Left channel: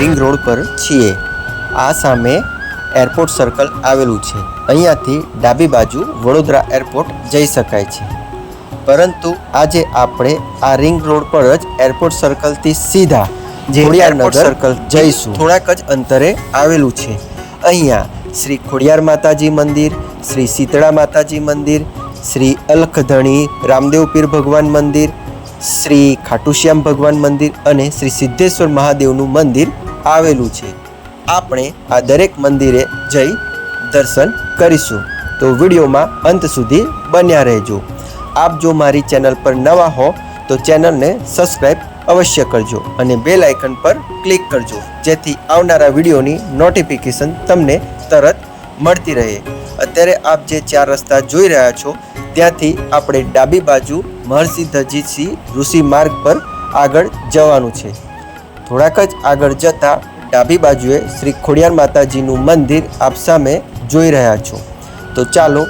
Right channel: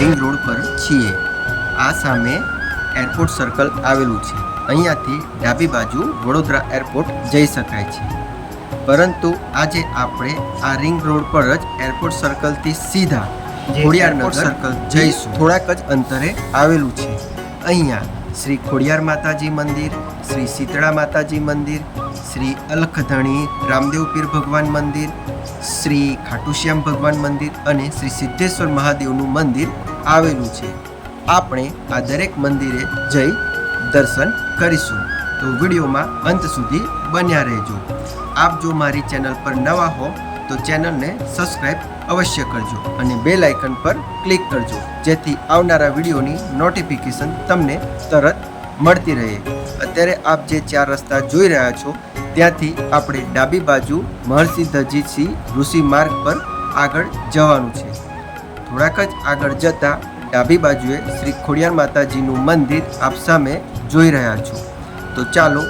Ring road પર છીએ। આ સામે એરપોર્ટ સર્કલ આવેલું છે। અહીંયાથી ડાબી બાજુ વડોદરા એરપોર્ટ જઈ શકાય છે, પરંતુ આજે આપણે આ રિંગ રોડ પર જ એરપોર્ટ સર્કલથી સીધા ખોડિયારનગર સર્કલ જઈશું। થોડાક જ અંતરે આવેલું છે। અહીંયા શ્રી ખોડિયાર માતાજી મંદિર, શ્રી શીતળા માતાજી મંદિર, શ્રી અલખધણી રામદેવ પીર ભગવાન મંદિર, શ્રી ખાટુશ્યામ ભગવાન મંદિર અને શ્રી સિદ્ધેશ્વર મહાદેવનું મંદિર આવેલું છે। આપણે આ દરેક મંદિરે જઈ દર્શન કરીશું, તો વિડીયોમાં અંત સુધી બન્યા રહેજો। આપ જો મારી ચેનલ પર નવા હો તો ચેનલને સબસ્ક્રાઈબ અવશ્ય કરજો અને બેલ આઇકન પર ક્લિક કરજો, જેથી આવનારા વિડીયોની નોટિફિકેશન તમને તરત મળતી રહે। અત્યારે આપ જે 4 રસ્તા જોઈ રહ્યા છો ત્યાંથી આપણે ડાબી બાજુ મહર્ષિ ધજીસિંહ ઋષિ માર્ગ પર આગળ જવાનું છે। થોડાક જ આગળ જતાં ડાબી બાજુએ શ્રી ખોડિયાર માતાજીનું મંદિર આપ સામે જોઈ રહ્યા છો। તો ચાલો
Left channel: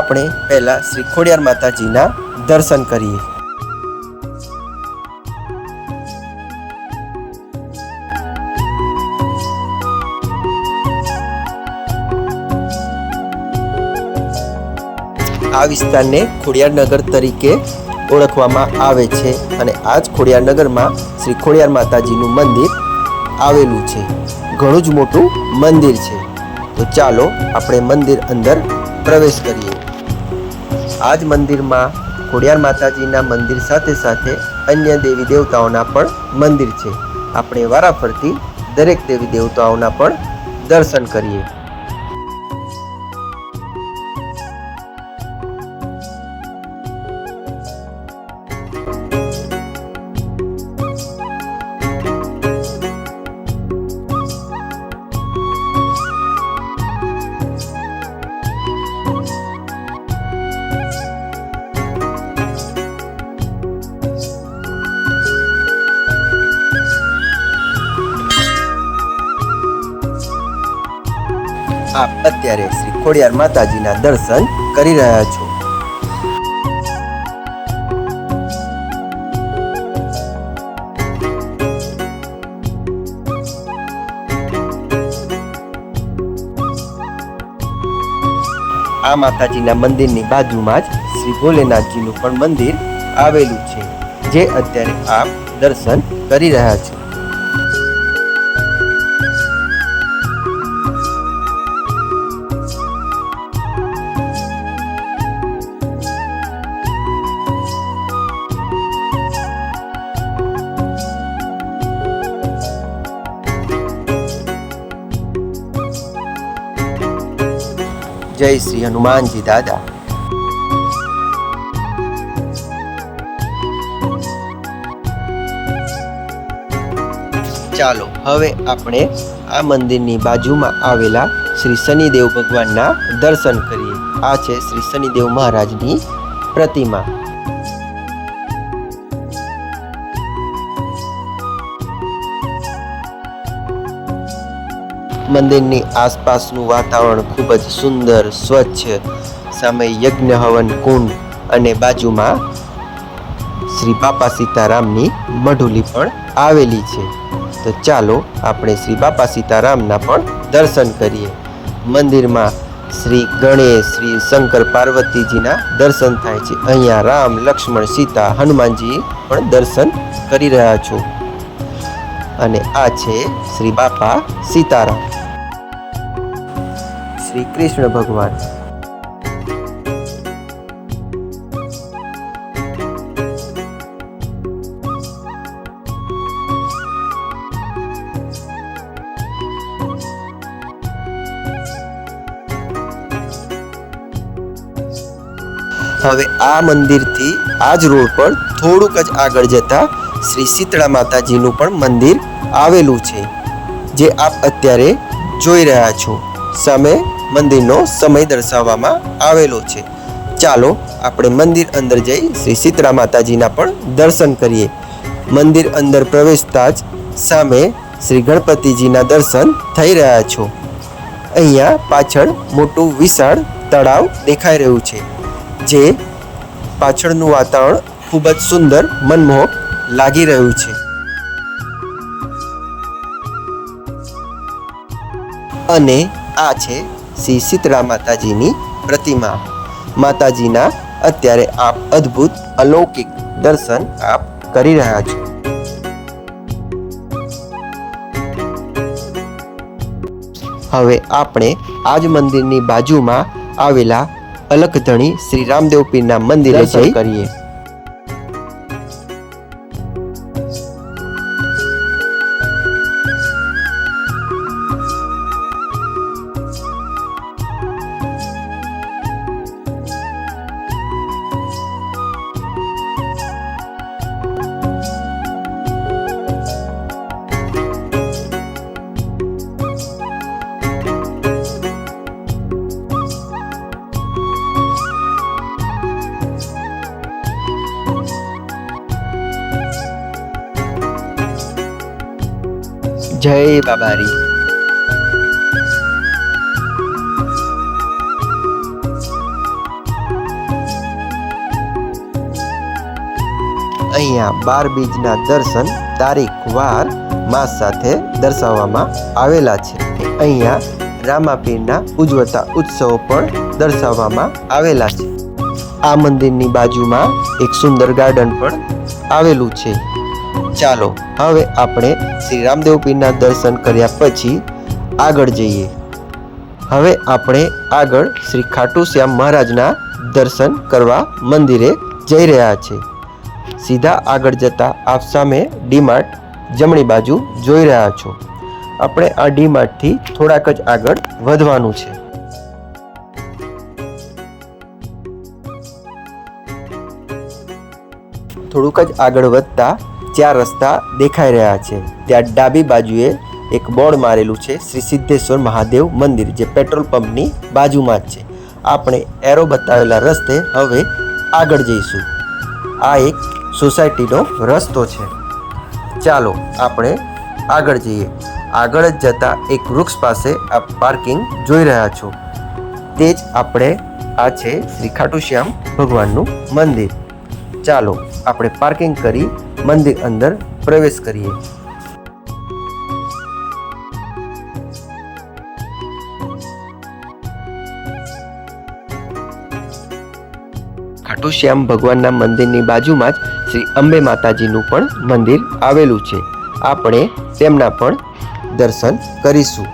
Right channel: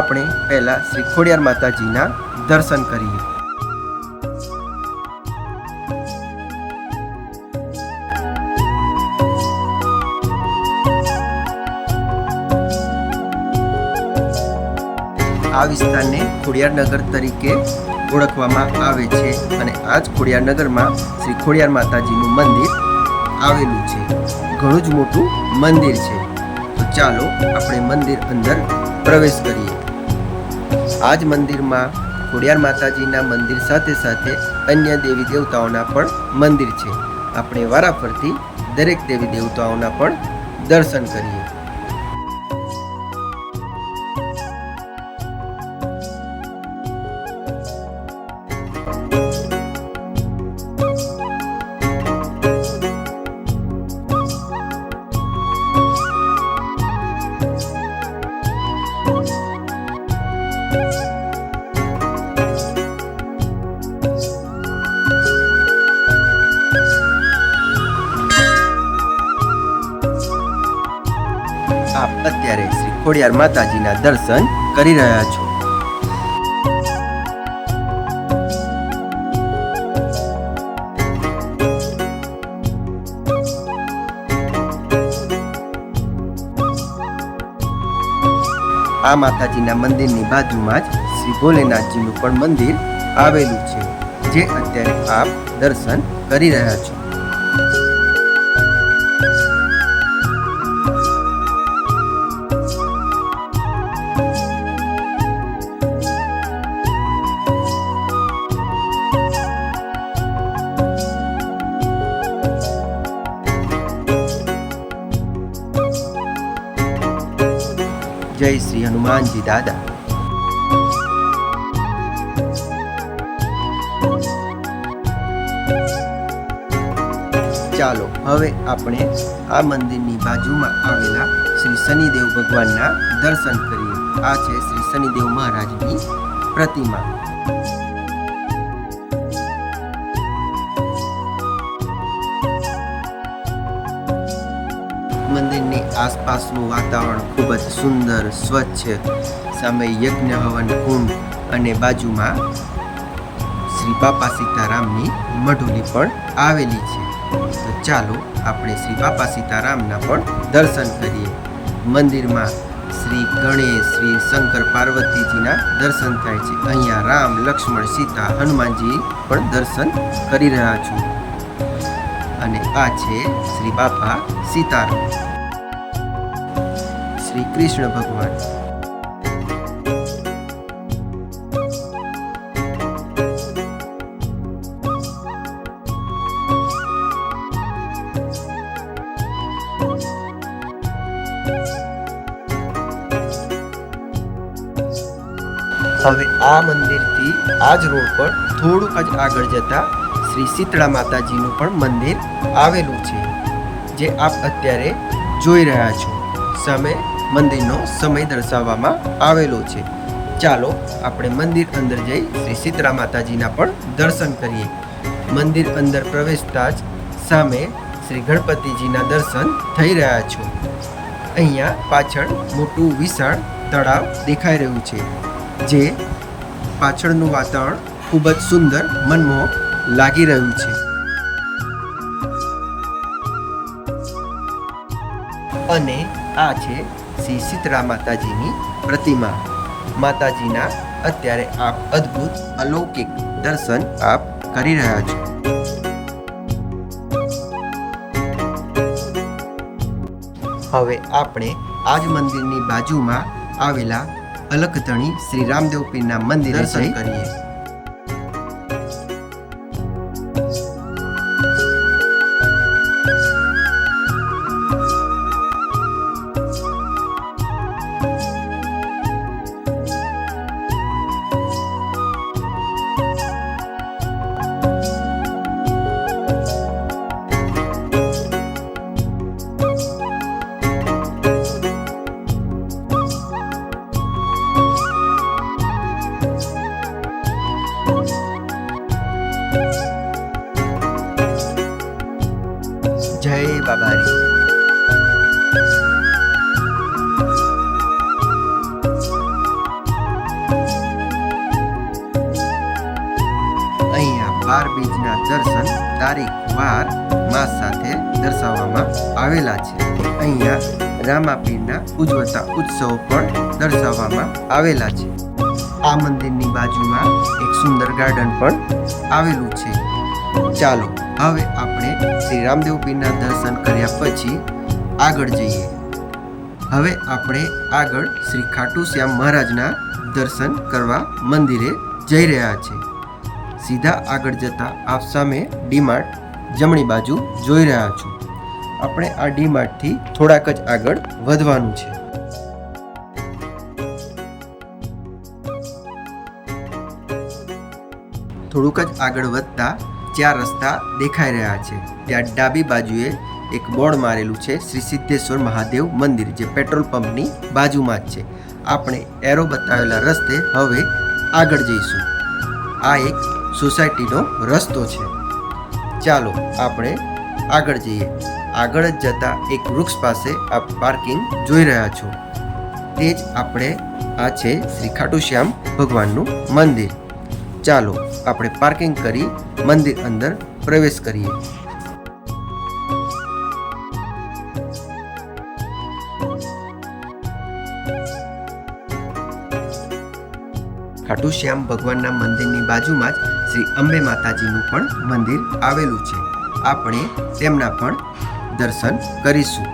આપણે પહેલાં શ્રી ખોડિયાર માતાજીના દર્શન કરીએ। આ વિસ્તારને ખોડિયારનગર તરીકે ઓળખવામાં આવે છે અને આ જ ખોડિયારનગરમાં શ્રી ખોડિયાર માતાજીનું મંદિર આવેલું છે। ઘણું જ મોટું મંદિર છે। તો ચાલો આપણે મંદિર અંદર પ્રવેશ કરીએ। આ જ મંદિરમાં ખોડિયાર માતાજીના મંદિર સાથે સાથે અન્ય દેવી દેવતાઓના પણ મંદિર છે। આપણે વારાફરતી દરેક દેવી દેવતાઓના પણ દર્શન કરીએ। આપ અત્યારે શ્રી ખોડિયાર માતાજીના દર્શન કરી રહ્યા છો। આ માતાજીના મંદિરની બાજુમાં જ શ્રી ભોલેનાથજીનું પણ મંદિર આવેલું છે, જે અત્યારે આપ દર્શન કરી રહ્યા છો। જય શ્રી હનુમાનજી દાદા। ચાલો હવે આપણે આ મંદિરની બાજુમાં આવેલા શ્રી શનિદેવ ભગવાનના દર્શન કરીએ। આ છે શ્રી શનિદેવ મહારાજની પ્રતિમા। મંદિરની આસપાસનું વાતાવરણ ખૂબ જ સુંદર સ્વચ્છ, સામે યજ્ઞ હવન કુંડ અને બાજુમાં શ્રી બાપા સીતારામની મઢુલી પણ આવેલી છે। તો ચાલો આપણે શ્રી બાપા સીતારામના પણ દર્શન કરીએ। મંદિરમાં શ્રી ગણેશ, શ્રી શંકર પાર્વતીજીના દર્શન થાય છે। અહીંયા રામ, લક્ષ્મણ, સીતા, હનુમાનજી પણ દર્શન કરી રહ્યા છો। અને આ છે શ્રી બાપા સીતારામ, શ્રી કૃષ્ણ ભગવાન। હવે આ મંદિરથી આ જ રોડ પર થોડુંક જ આગળ જતા શ્રી શીતળા માતાજીનું પણ મંદિર આવેલું છે, જે આપ અત્યારે જોઈ રહ્યા છો। સામે મંદિરનો સમય દર્શાવવામાં આવેલો છે। ચાલો આપણે મંદિર અંદર જઈ શ્રી શીતળા માતાજીના પણ દર્શન કરીએ। મંદિર અંદર પ્રવેશતા જ સામે શ્રી ગણપતિજીના દર્શન થઈ રહ્યા છો। અહીંયા પાછળ મોટું વિશાળ તળાવ દેખાઈ રહ્યું છે, જે પાછળનું વાતાવરણ ખૂબ જ સુંદર મનમોહક લાગી રહ્યું છે। અને આ છે શ્રી શીતળા માતાજીની પ્રતિમા. માતાજીના અત્યારે આપ અદ્ભુત અલૌકિક દર્શન આપ કરી રહ્યા છો. હવે આપણે આજ મંદિરની બાજુમાં આવેલા અલખધણી શ્રી રામદેવ પીરના મંદિરે જઈ કરીએ. જય બાબારી. અહીંયા 12 બીજના દર્શન તારીખ વાર માસ સાથે દર્શાવવામાં આવેલા છે. અહીંયા રામાપીરના ઉજવતા ઉત્સવો પણ દર્શાવવામાં આવેલા છે. આ મંદિરની બાજુમાં એક સુંદર ગાર્ડન પણ આવેલું છે. ચાલો હવે આપણે શ્રી રામદેવ પીરના દર્શન કર્યા પછી આગળ જઈએ. હવે આપણે આગળ શ્રી ખાટુ શ્યામ મહારાજના દર્શન કરવા મંદિરે જઈ રહ્યા છે. સીધા આગળ જતા આપ સામે ડીમાર્ટ જમણી બાજુ જોઈ રહ્યા છો. આપણે આ ડીમાર્ટથી થોડાક જ આગળ વધવાનું છે. થોડુંક જ આગળ વધતા 4 રસ્તા દેખાઈ રહ્યા છે. ત્યાં ડાબી બાજુએ એક બોર્ડ મારેલું છે શ્રી સિદ્ધેશ્વર મહાદેવ મંદિર, જે પેટ્રોલ પંપની બાજુમાં જ છે. આપણે એરો બતાવેલા રસ્તે હવે આગળ જઈશું. આ એક સોસાયટીનો રસ્તો છે. ચાલો આપણે આગળ જઈએ. આગળ જ જતા એક વૃક્ષ પાસે આપ પાર્કિંગ જોઈ રહ્યા છો. તે જ આપણે આ છે શ્રી ખાટુ શ્યામ ભગવાનનું મંદિર. ચાલો આપણે પાર્કિંગ કરી મંદિર અંદર પ્રવેશ કરીએ. ખાટુ શ્યામ ભગવાનના મંદિરની બાજુમાં જ શ્રી અંબે માતાજીનું પણ મંદિર આવેલું છે. આપણે તેમના પણ દર્શન કરીશું.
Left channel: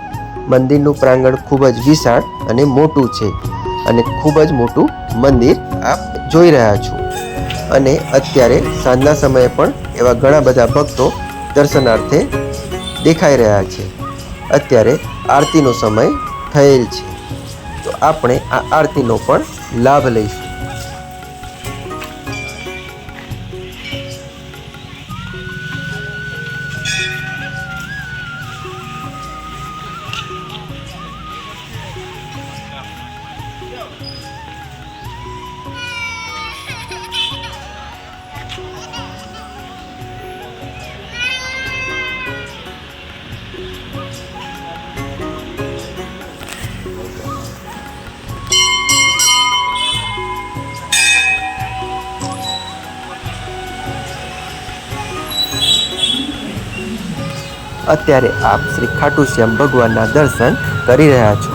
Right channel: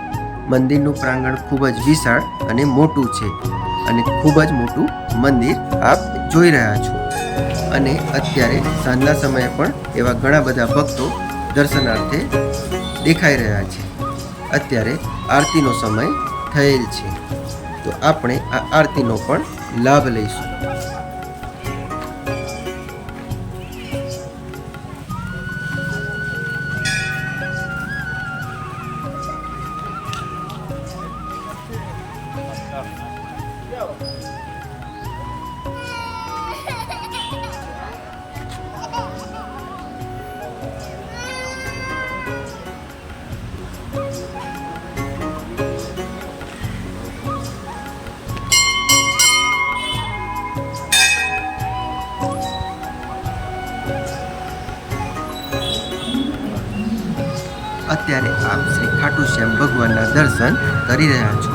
મંદિરનું પ્રાંગણ ખૂબ જ વિશાળ અને મોટું છે અને ખૂબ જ મોટું મંદિર આપ જોઈ રહ્યા છો. અને અત્યારે સાંજના સમયે પણ એવા ઘણા બધા ભક્તો દર્શનાર્થે દેખાઈ રહ્યા છે. અત્યારે આરતીનો સમય થયેલ છે, તો આપણે આ આરતીનો પણ લાભ લઈશું. અત્યારે આપ શ્રી ખાટુ શ્યામ ભગવાનના દર્શન કરી રહ્યા છો.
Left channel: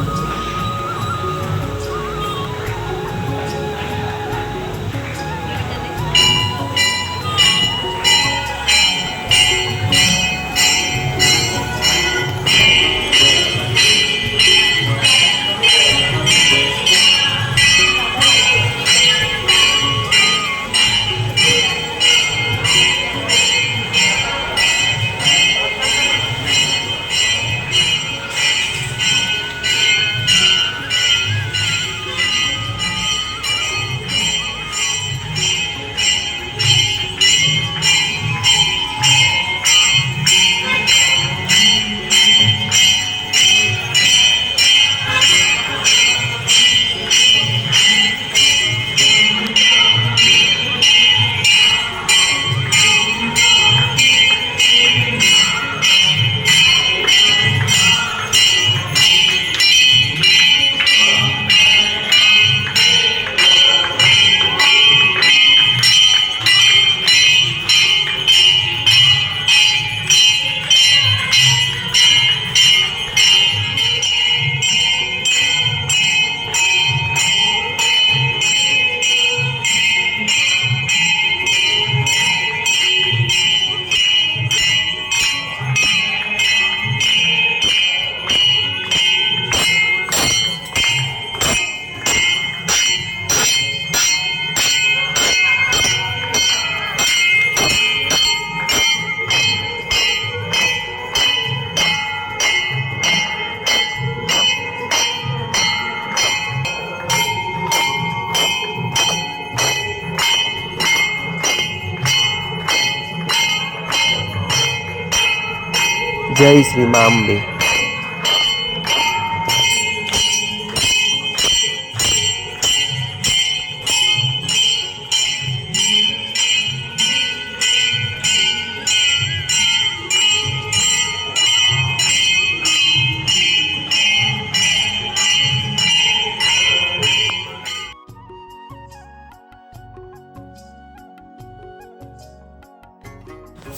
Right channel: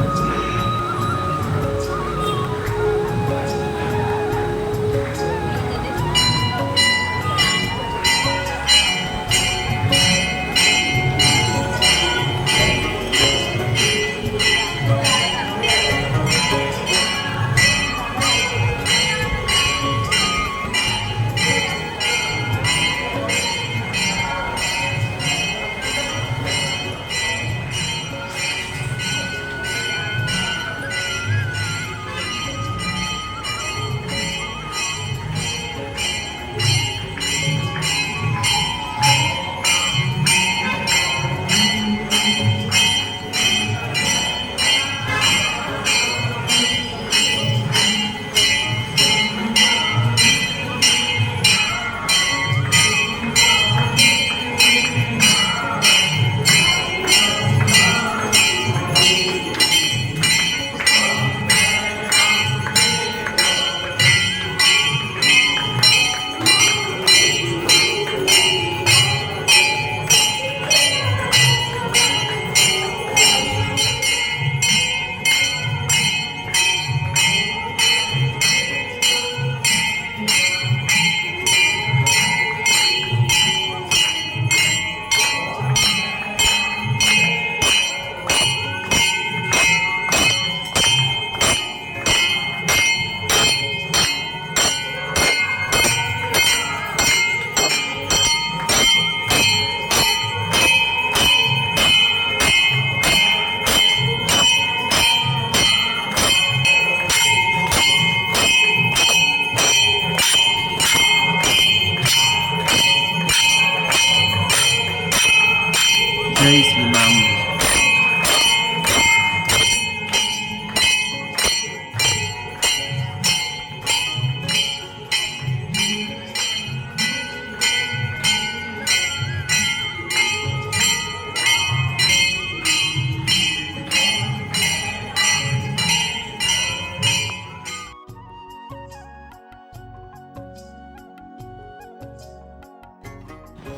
જય શ્રી મા અંબે.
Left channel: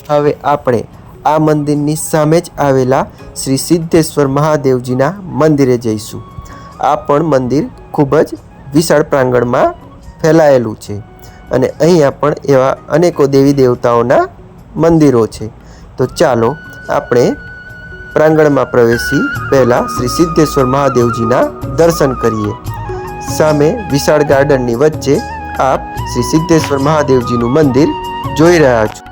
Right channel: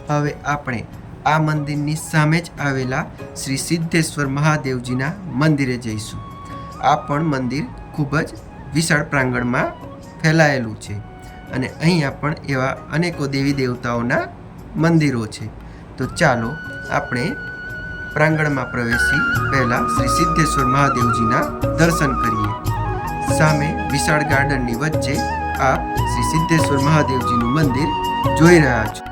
હવે આપણે આ મંદિરની સામે જ આવેલા શ્રી સિદ્ધેશ્વર મહાદેવજીના મંદિરે જઈશું. આ પણ મંદિર ખૂબ જ વિશાળ પ્રાંગણમાં ફેલાયેલું છે અને અહીંયા પણ એવા અનેકો દેવી દેવતાઓના મંદિરો છે. તો ચાલો આપણે પ્રાંગણમાં પ્રવેશી પહેલાં શ્રી સિદ્ધેશ્વર મહાદેવજીના દર્શન કરીએ. સામે વિશાળ ગાર્ડનની વચ્ચે આપ શ્રી સિદ્ધેશ્વર મહાદેવજીનું મંદિર જોઈ રહ્યા છો.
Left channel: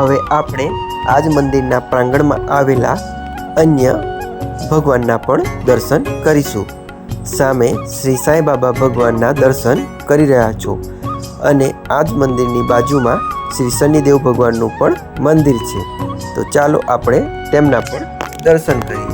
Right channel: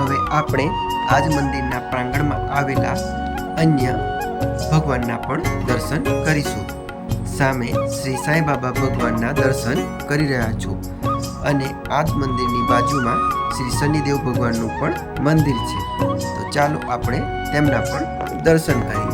હવે આપણે આજ મંદિરના પ્રાંગણમાં આવેલા અન્ય ભગવાનના પણ દર્શન કરીશું. સામે શ્રી સાંઈ બાબા ભગવાનના દર્શન કરી રહ્યા છો અને આ જ મંદિરની બાજુમાં શ્રી શનિદેવ ભગવાનનું પણ મંદિર છે. તો ચાલો આપણે તેમના પણ દર્શન કરીએ.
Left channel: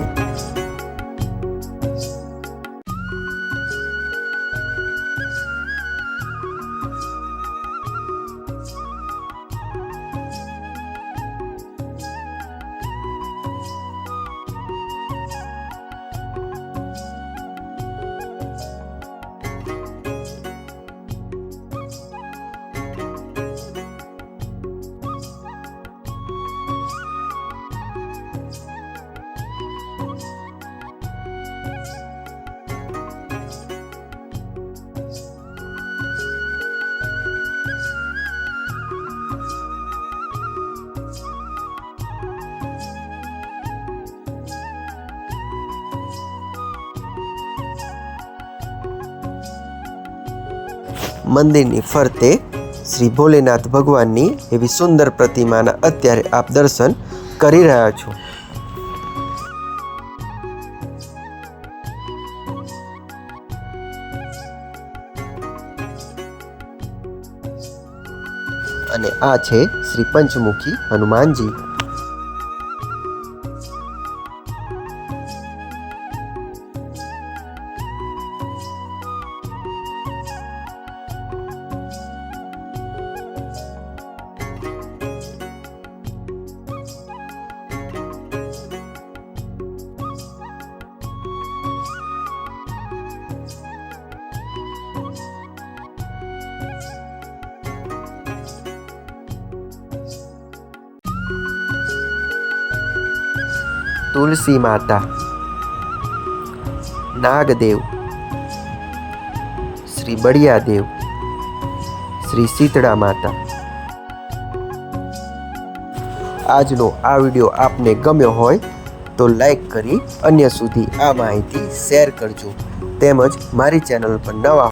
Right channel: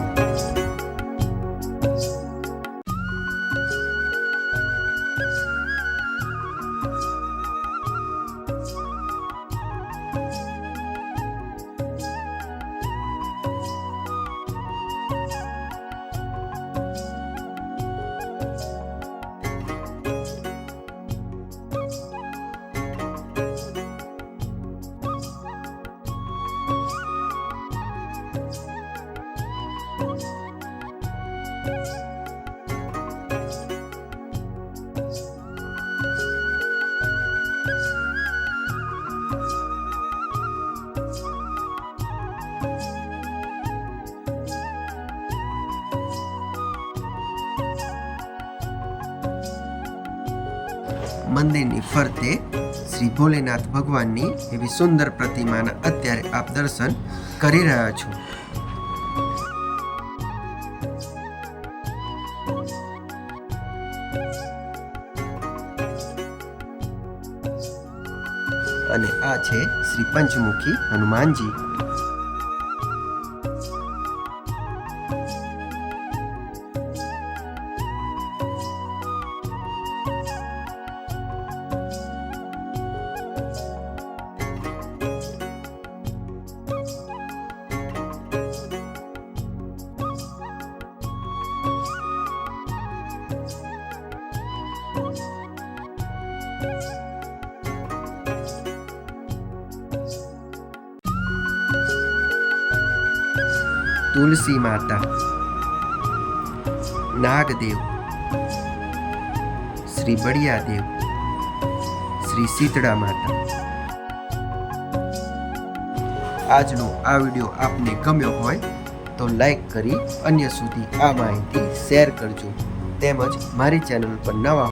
મંદિરની ફરતે શ્રી ભોલેનાથ ભગવાનની એવી સુંદર પ્રતિમાના અત્યારે આપ દર્શન કરી રહ્યા છો. અને આ છે શ્રી પંચમુખી હનુમાનજી. તુલસી માતા, નાગદેવ, શ્રી બળિયાદેવ, શ્રી શીતળા માતા. આજનો આ વિડીયો આપને ગમ્યો હોય તો લાઈક કરી અન્ય સુધી આ માહિતી શેર કરજો. તેમજ મારી ચેનલ પર નવા